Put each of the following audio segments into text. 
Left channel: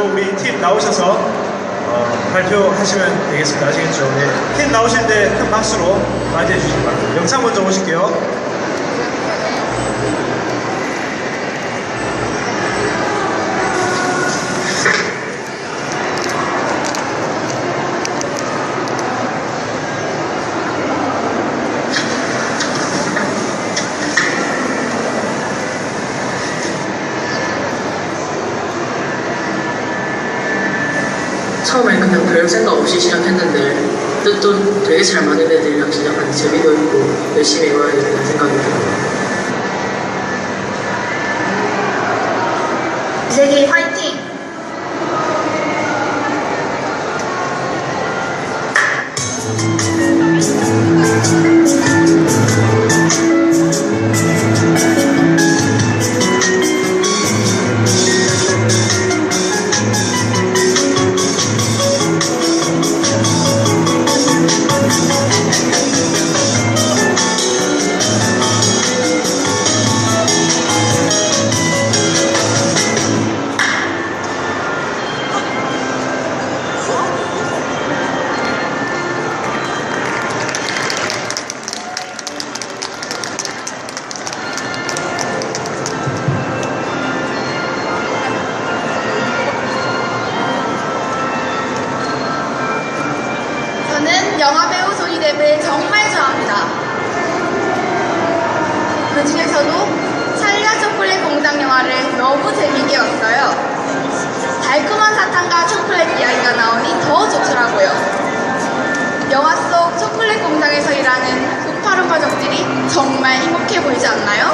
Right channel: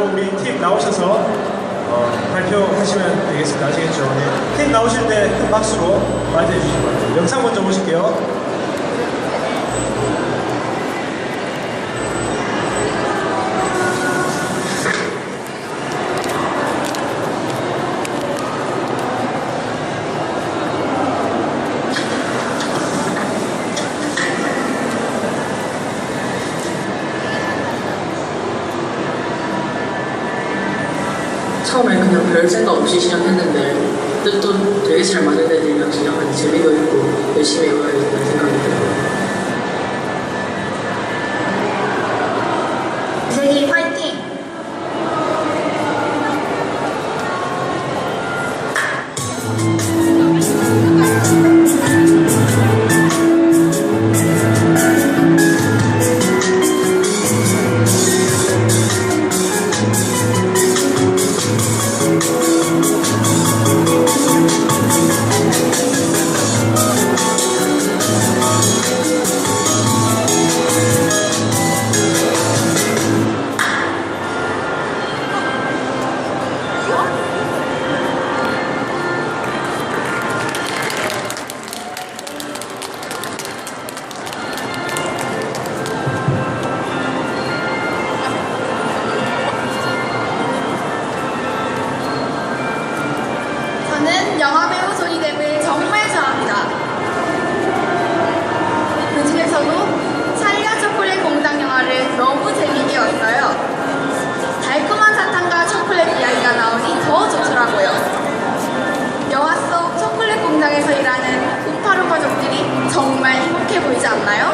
우리 팀 나오셔서 발표하시면 되겠습니다. 아시겠죠? 네. 팀 나오실 때 큰 박수로 맞이해 주시기 바랍니다. 영상 먼저 보실게요. 처음에 그냥 별 생각 없이 시작했는데 뜻도 되게 잘 맞는 애들이랑 시작하니 재미도 있고 열심히 해봐야겠다는 생각이 들어요. 이세기 화이팅! 저는 영화배우 조이뎁을 정말 좋아합니다. 그 중에서도 찰리와 초콜릿 공장 영화를 너무 재미있게 봤어요. 달콤한 사탕과 초콜릿 이야기가 나오니 더 좋더라고요. 영화 속 초콜릿 공장에서 일하는 음파룸파족들이 정말 행복해 보이지 않나요?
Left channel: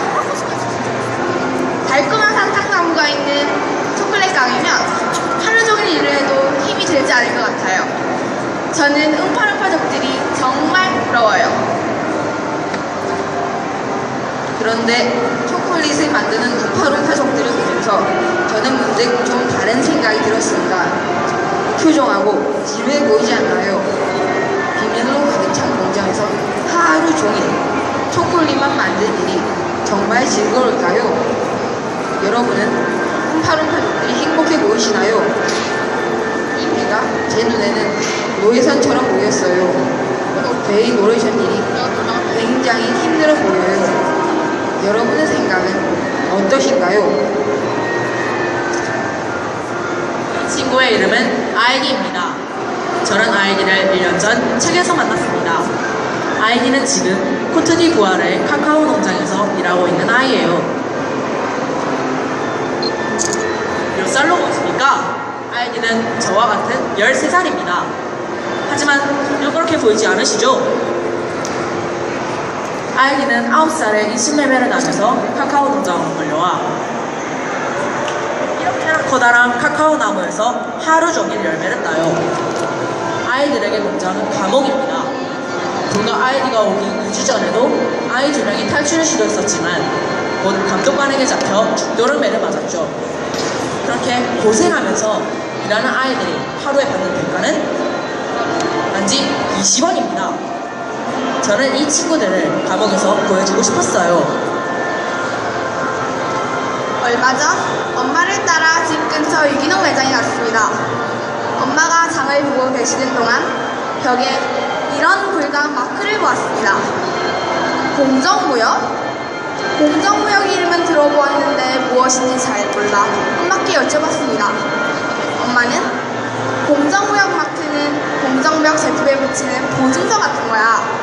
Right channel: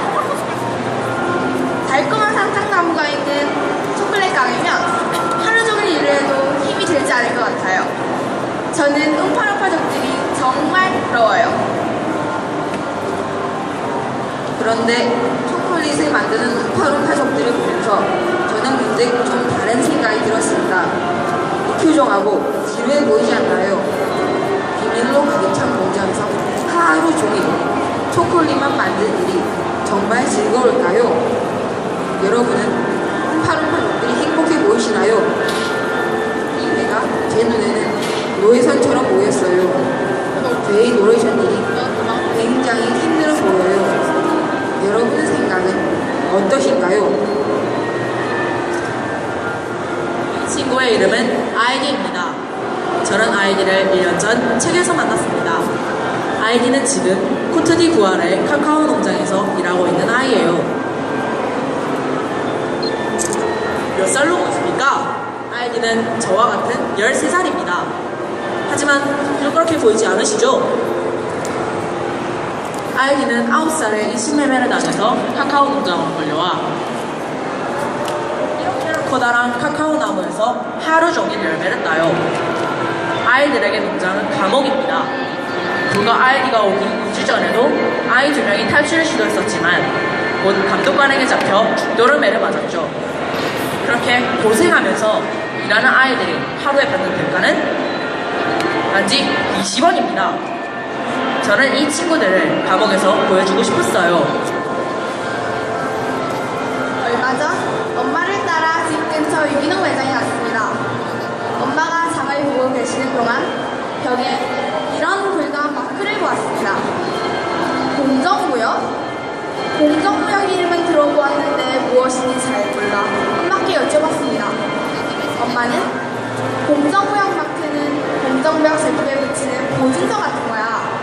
달콤한 사탕 나무가 있는 초콜릿 가게면 하루 종일 일을 해도 힘이 들지 않을 것 같아요. 저는 음파룸파족들이 정말 부러워요. 그런데 초콜릿을 만드는 음파룸파족들을 보면서 저는 문득 좀 다른 생각이 들었습니다. 표정하고 지루해 보이지 않나요? 비밀로 가득 찬 공장에서 하루 종일 초콜릿만 만드는 일이 정말 즐거울까요? 여러분은 음파룸파족들이 행복해 보이시나요? 이미가 제 눈에는 노예선처럼 보였어요. 저희 노예선들이 굉장히 힘들어 보여요. 여러분의 생각은 어떠신가요? 친구의 이름은 아이디입니다. 저는 아이디를 1년 전 책에서 만났습니다. 아이디는 지금 코트디부아르의 카카오 농장에서 일하고 있는 아이예요. 몇 살로 보십니까? 아이디는 저와 같은 13살입니다. 하지만 전혀 그렇게 보이지 않으시죠? 아이디는 9살에 20레벨을 다녀서 카카오 농장으로 몰려와 이렇게 커다란 카카오 나무에서 하루 종일 열매를 따요. 아이들에게 농장은 감옥입니다. 불과 아이디가 오기 2주 전에도 아이 2명이 탈출을 시도했었지만 곧 감독관에게 잡혀 죽도를 매를 맞았죠. 그렇게 고생하면서 일하는 아이들이 하루에 받는 대가는 단지 20원입니다. 저는 이 친구들을 감옥에서 보여주고 싶었어요. 얼마 전 엄마를 따라 집 근처 유기농 매장에 갔습니다. 엄마가 장을 보고 계시는 동안 벽에 이런 굵은 마크를 보았습니다. 공정무역? 공정무역 이름은 들어보았는데 무엇인지 잘 몰라 엄마께 여쭤봤습니다. 엄마는 공정무역 마크는 공정무역 제품에 붙이는 보증서 같은 거야.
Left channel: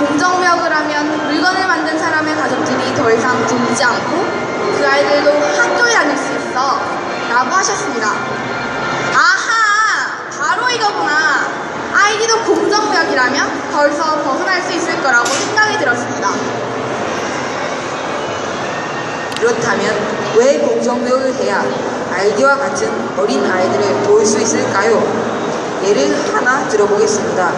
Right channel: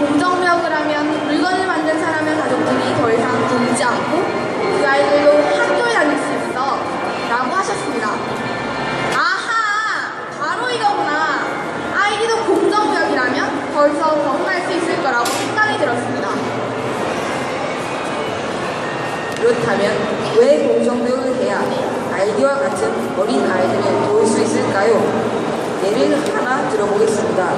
공정무역을 하면 물건을 만든 사람의 가족들이 더 이상 굶지 않고 그 아이들도 학교에 다닐 수 있어 라고 하셨습니다. 아하! 바로 이거구나. 아이디도 공정무역이라면 거기서 벗어날 수 있을 거라고 생각이 들었습니다. 그렇다면 왜 공정무역을 해야 아이디와 같은 어린 아이들을 도울 수 있을까요? 예를 하나 들어보겠습니다.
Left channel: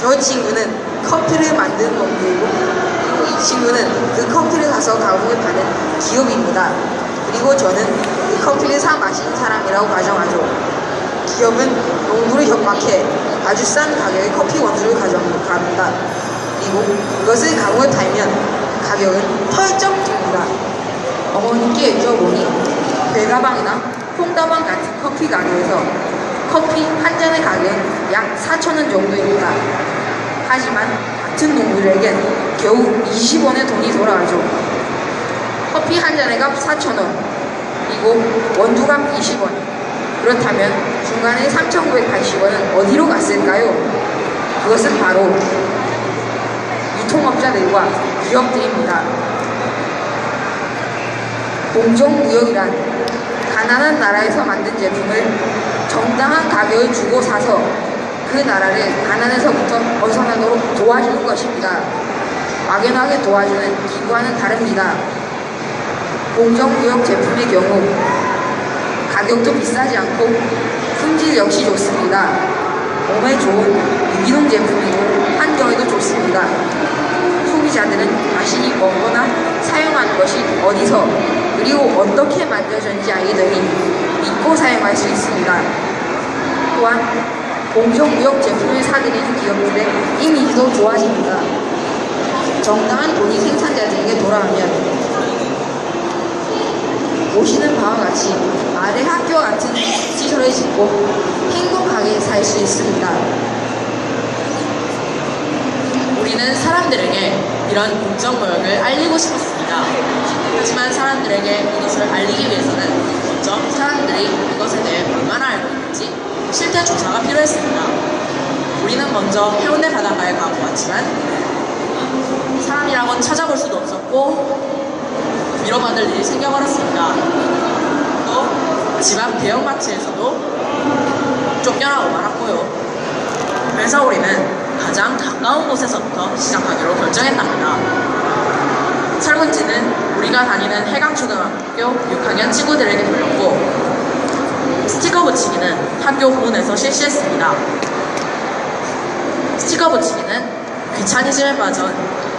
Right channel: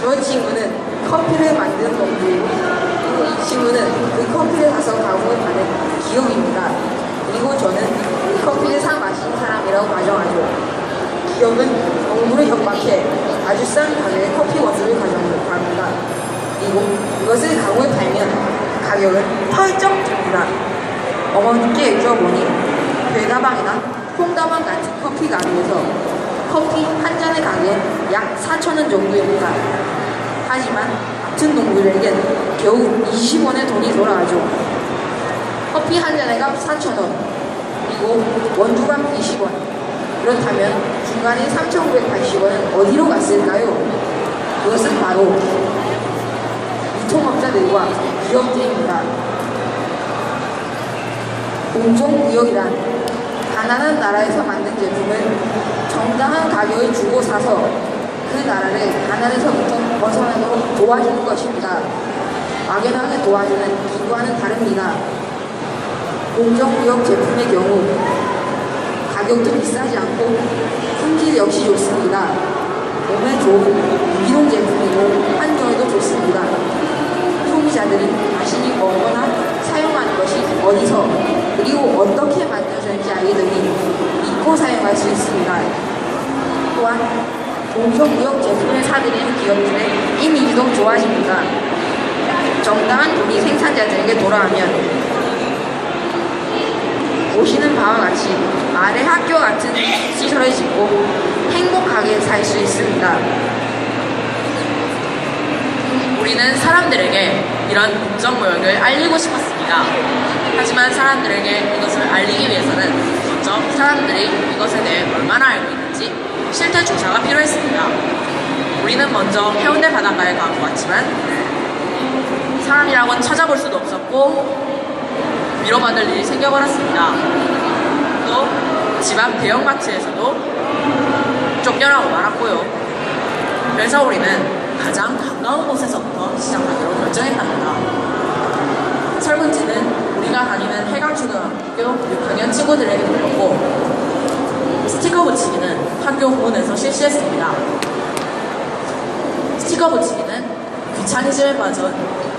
저 친구는 커피를 만드는 원료이고 그리고 이 친구는 그 커피를 사서 감옥에 파는 기업입니다. 그리고 저는 그 커피를 사 마시는 사람이라고 가정하죠. 기업은 농부를 협박해 아주 싼 가격에 커피 원료를 가져갑니다. 그리고 이것을 감옥에 팔면 가격은 펄쩍 듭니다. 어머님께 여쭤보니 별가방이나 콩다방 같은 커피 가게에서 커피 한 잔의 가격은 약 4,000원 정도입니다. 하지만 같은 동물에겐 겨우 20원의 돈이 돌아가죠. 커피 한 잔의 값 4,000원, 그리고 원두값 20원. 그렇다면 중간에 3,980원은 어디로 갔을까요? 그것은 바로 유통업자들과 기업들입니다. 공정무역이란 가난한 나라에서 만든 제품을 정당한 가격을 주고 사서 그 나라를 가난에서부터 벗어나도록 도와주는 것입니다. 막연하게 도와주는 기구와는 다릅니다. 공정무역 제품의 경우 가격도 비싸지 않고 품질 역시 좋습니다. 몸에 좋은 유기농 제품이고 환경에도 좋습니다. 소비자들은 자신이 먹거나 사용하는 것이 어디서 그리고 어떻게 만들어졌는지 알게 되니 믿고 사용할 수 있습니다. 또한 공정무역 제품을 사들이는 기업들의 이미지도 좋아집니다. 정당한 돈이 생산자들에게 돌아가면 보시는 바와 같이 말의 학교와 같은 시설을 짓고 행복하게 살 수 있습니다. 우리는 사람들에게 이런 공정무역을 알리고 싶었습니다. 하지만 사람들에게 이것을 알리기 위해서는 먼저 사람들이 이것에 대해 얼마나 알고 있는지 실태 조사가 필요했습니다. 우리는 먼저 해운대 바닷가에 가고 왔지만 사람이라고는 찾아볼 수도 없었고 밀어받을 일이 생겨버렸습니다. 또 집 앞 대형마트에서도 쫓겨나고 말았고요. 그래서 우리는 가장 가까운 곳에서부터 시작하기로 결정했답니다. 설문지는 우리가 다니는 해강초등학교 6학년 친구들에게 드렸고 스티커 붙이기는 학교 후문에서 실시했습니다. 스티커 붙이기는 귀차니즘에 빠진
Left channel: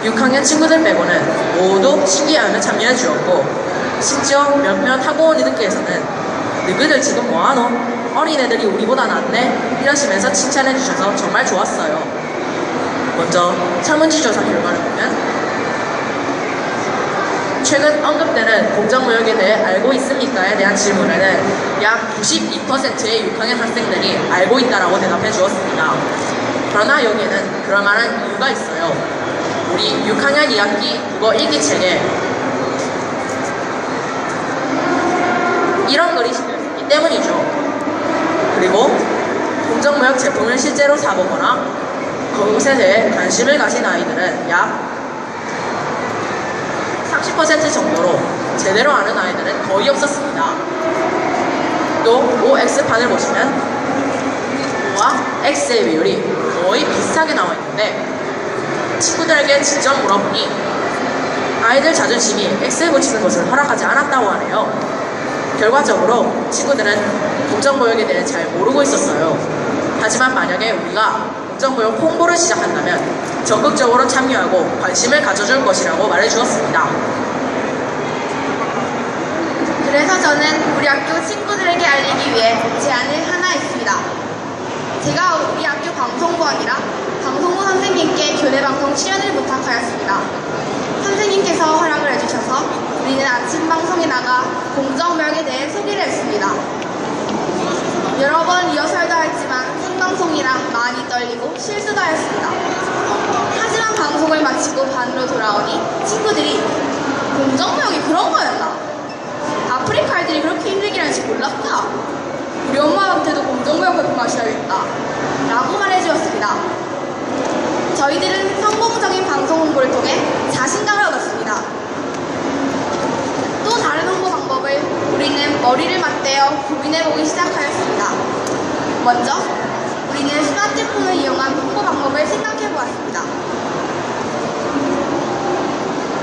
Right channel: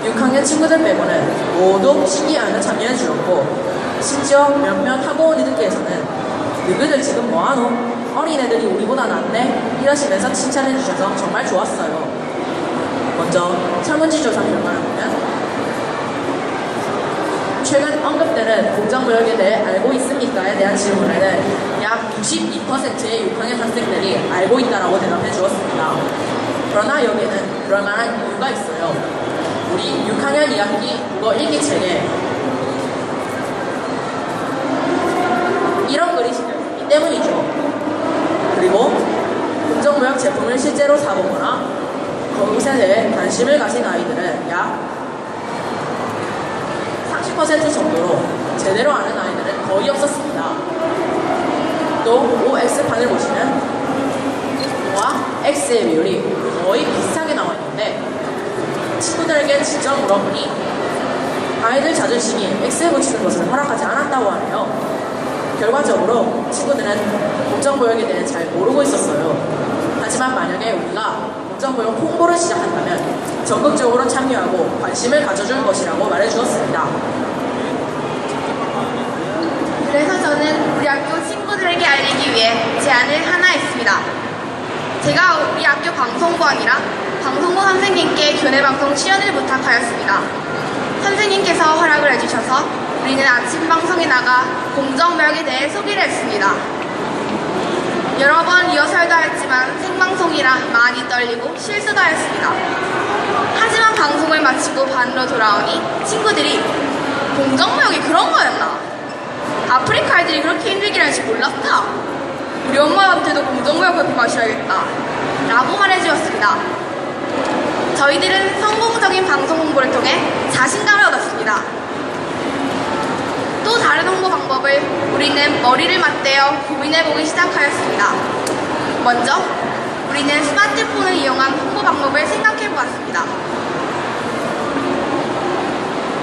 6학년 친구들 빼고는 모두 신기해하며 참여해 주었고 심지어 몇몇 학부모님들께서는 너희들 지금 뭐하노? 어린애들이 우리보다 낫네? 이러시면서 칭찬해 주셔서 정말 좋았어요. 먼저 설문지 조사 결과를 보면 최근 언급되는 공정무역에 대해 알고 있습니까?에 대한 질문에는 약 92%의 6학년 학생들이 알고 있다라고 대답해 주었습니다. 그러나 여기에는 그럴 만한 이유가 있어요. 우리 6학년 2학기 국어 일기책에 이런 글이 실려있기 때문이죠. 그리고 공정무역 제품을 실제로 사보거나 그것에 대해 관심을 가진 아이들은 약 30% 정도로 제대로 아는 아이들은 거의 없었습니다. 또 OX판을 보시면 O와 X의 비율이 거의 비슷하게 나와 있는데 친구들에게 직접 물어보니 아이들 자존심이 X에 붙이는 것을 허락하지 않았다고 하네요. 결과적으로 친구들은 공정무역에 대해 잘 모르고 있었어요. 하지만 만약에 우리가 공정무역 홍보를 시작한다면 적극적으로 참여하고 관심을 가져줄 것이라고 말해주었습니다. 그래서 저는 우리 학교 친구들에게 알리기 위해 제안을 하나 했습니다. 제가 우리 학교 방송부원이랑 방송부 선생님께 교내방송 출연을 부탁하였습니다. 선생님께서 허락을 해주셔서 우리는 아침 방송에 나가 공정무역에 대해 소개를 했습니다. 여러 번 리허설도 했지만 생방송이라 많이 떨리고 실수도 했습니다. 하지만 방송을 마치고 반으로 돌아오니 친구들이 공정무역이 그런 거였나? 아프리카 아이들이 그렇게 힘들게 하는지 몰랐다. 우리 엄마한테도 공정무역 배포 마셔야겠다 라고 말해주었습니다. 저희들은 성공적인 방송 홍보를 통해 자신감을 얻었습니다. 또 다른 홍보 방법을 우리는 머리를 맞대어 고민해보기 시작하였습니다. 먼저 우리는 스마트폰을 이용한 홍보 방법을 생각해보았습니다.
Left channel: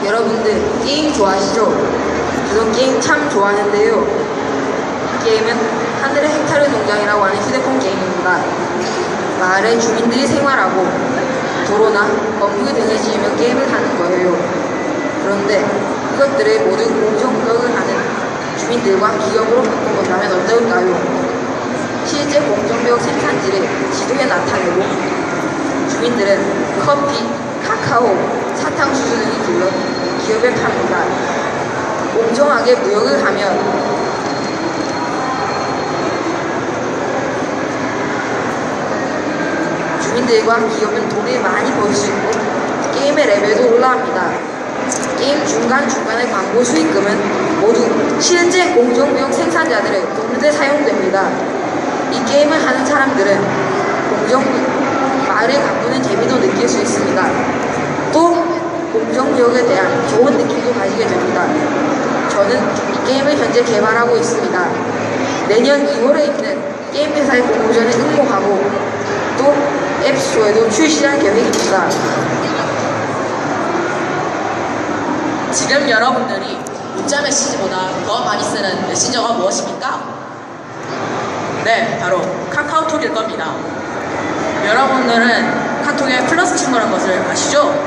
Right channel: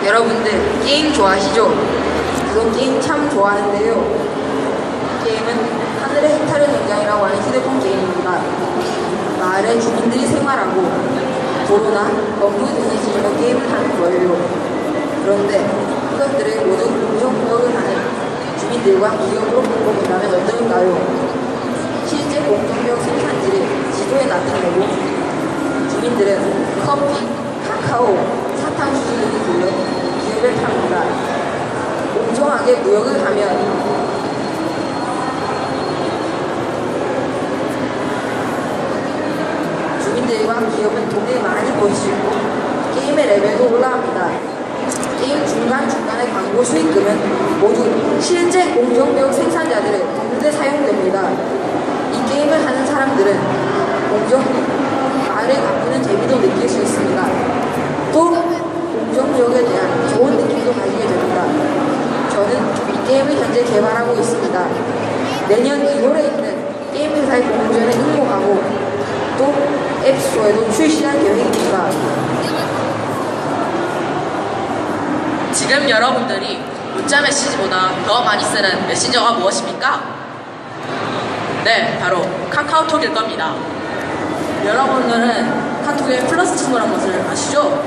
여러분들 게임 좋아하시죠? 저도 게임 참 좋아하는데요. 게임은 하늘의 헥타르 농장이라고 하는 휴대폰 게임입니다. 마을의 주민들이 생활하고 도로나 건물이 등을 지으며 게임을 하는 거예요. 그런데 이것들을 모두 공정무역을 하는 주민들과 기업으로 바꿔본다면 어떨까요? 실제 공정무역 생산지를 지도에 나타내고 주민들은 커피, 카카오, 사탕수수를 길러 기업에 팝니다. 공정하게 무역을 하면 모두와 기업은 돈을 많이 벌 수 있고 게임의 레벨도 올라갑니다. 게임 중간중간의 광고 수익금은 모두 실제 공정무역 생산자들의 돈에 사용됩니다. 이 게임을 하는 사람들은 말을 바꾸는 재미도 느낄 수 있습니다. 또 공정무역에 대한 좋은 느낌도 가지게 됩니다. 저는 이 게임을 현재 개발하고 있습니다. 내년 2월에 있는 게임 회사의 공모전에 응모하고 또 앱스토어에도 출시할 계획입니다. 지금 여러분들이 문자 메시지보다 더 많이 쓰는 메신저가 무엇입니까? 네, 바로 카카오톡일 겁니다. 여러분들은 카톡에 플러스 친구라는 것을 아시죠?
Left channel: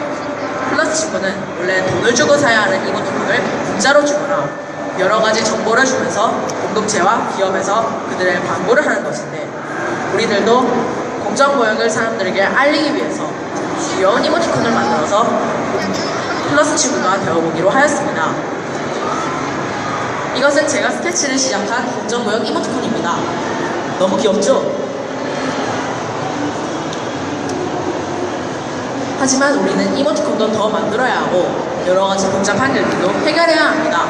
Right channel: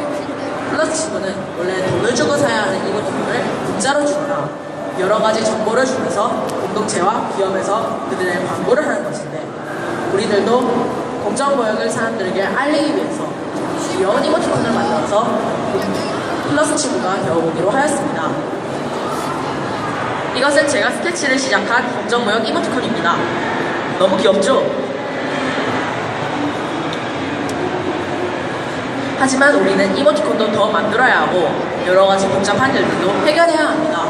플러스 친구는 원래 돈을 주고 사야 하는 이모티콘을 문자로 주거나 여러 가지 정보를 주면서 공동체와 기업에서 그들의 광고를 하는 것인데, 우리들도 공정무역을 사람들에게 알리기 위해서 귀여운 이모티콘을 만들어서 플러스 친구가 되어보기로 하였습니다. 이것은 제가 스케치를 시작한 공정무역 이모티콘입니다. 너무 귀엽죠? 하지만 우리는 이모티콘도 더 만들어야 하고 여러가지 복잡한 일들도 해결해야 합니다.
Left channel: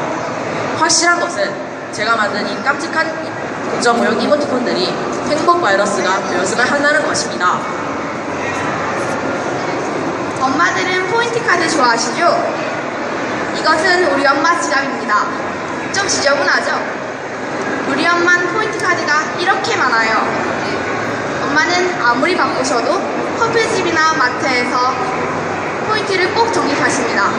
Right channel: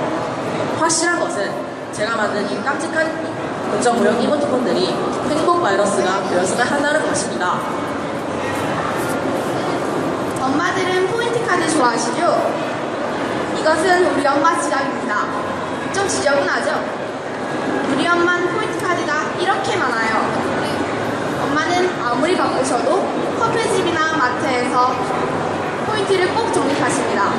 확실한 것은 제가 만든 이 깜찍한 공정무역 이모티콘들이 행복 바이러스가 되었으면 한다는 것입니다. 엄마들은 포인트 카드 좋아하시죠? 이것은 우리 엄마 지갑입니다. 좀 지저분하죠? 우리 엄마는 포인트 카드가 이렇게 많아요. 엄마는 아무리 바쁘셔도 커피집이나 마트에서 포인트를 꼭 적립하십니다.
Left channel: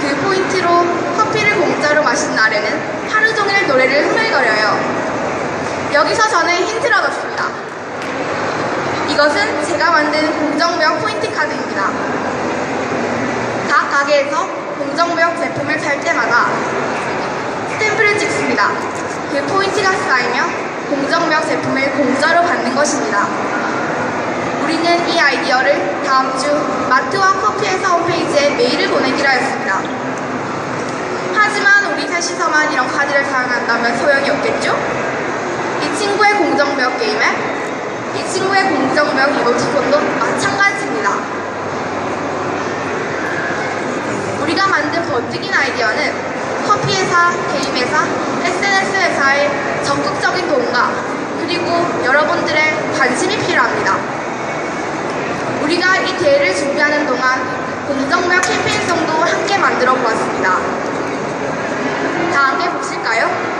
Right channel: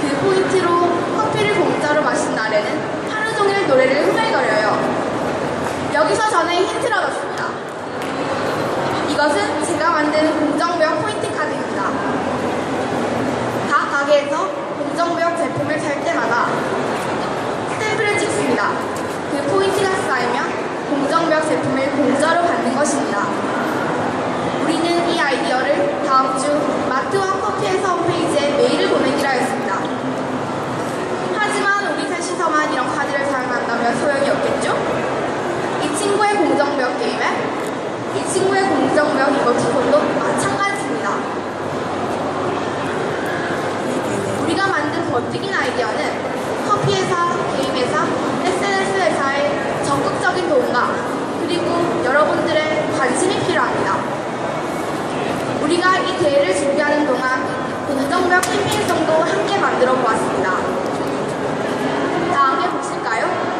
그 포인트로 커피를 공짜로 마신 날에는 하루 종일 노래를 흥얼거려요. 여기서 저는 힌트를 얻었습니다. 이것은 제가 만든 공정무역 포인트 카드입니다. 각 가게에서 공정무역 제품을 살 때마다 스탬프를 찍습니다. 그 포인트가 쌓이면 공정무역 제품을 공짜로 받는 것입니다. 우리는 이 아이디어를 다음 주 마트와 커피회사 홈페이지에 메일을 보내기로 했습니다. 하지만 우리 셋이서만 이런 카드를 사용한다면 소용이 없겠죠? 이 친구의 공정무역 게임에 이 친구의 공정무역 이모티콘도 마찬가지입니다. 우리가 만든 번뜩인 아이디어는 커피회사, 게임회사, SNS 회사의 적극적인 도움과 그리고 여러분들의 관심이 필요합니다. 우리가 이 대회를 준비하는 동안 공정무역 캠페인송도 함께 만들어 보았습니다. 다 함께 보실까요?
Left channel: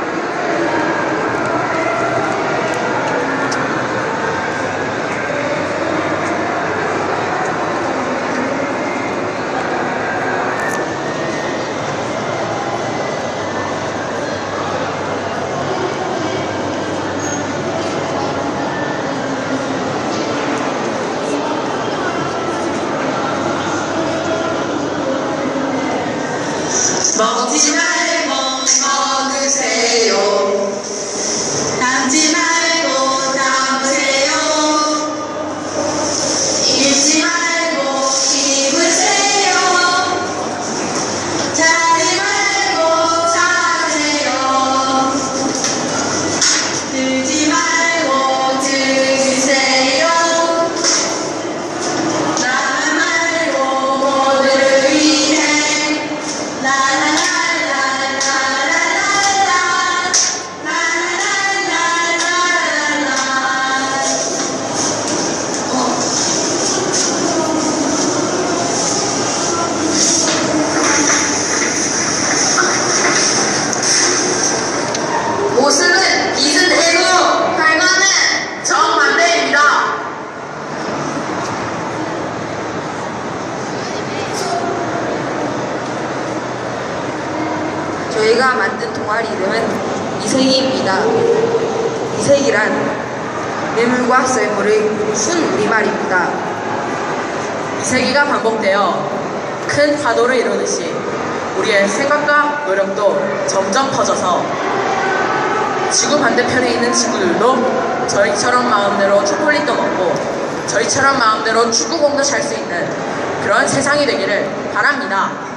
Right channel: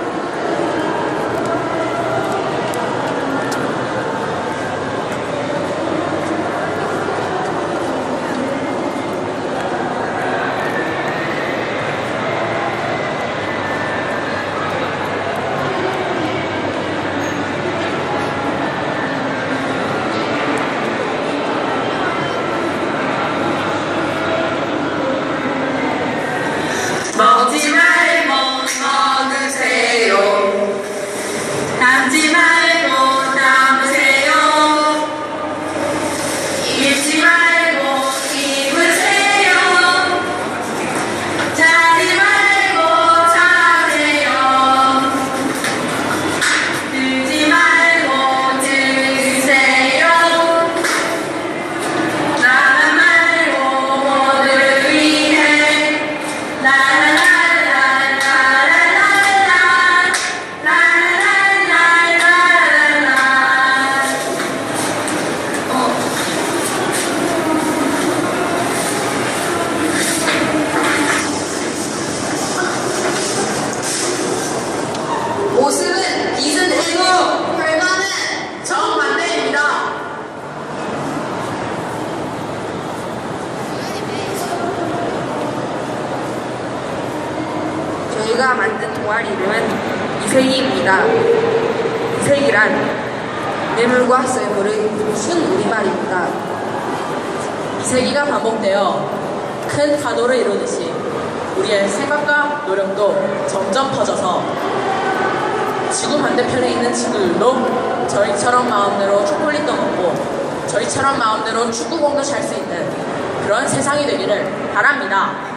먹지 말고 먹으세요. 담지 말고 담으세요. 입지 말고 입으세요. 자지 말고 자세요. 들지 말고 드세요. 나만 말고 모두를 위해 모습은 비슷해도 결과는 정반대입니다. 저희가 만든 동아리 이름은 이세기입니다. 이세기란 뇌물과 썰물의 순우리말입니다. 이세기가 반복되어 큰 파도를 이루듯이 우리의 생각과 노력도 점점 커져서 지구 반대편에 있는 친구들도 저희처럼 마음대로 초콜릿도 먹고 저희처럼 마음대로 축구공도 찰 수 있는 그런 세상이 되기를 바랍니다.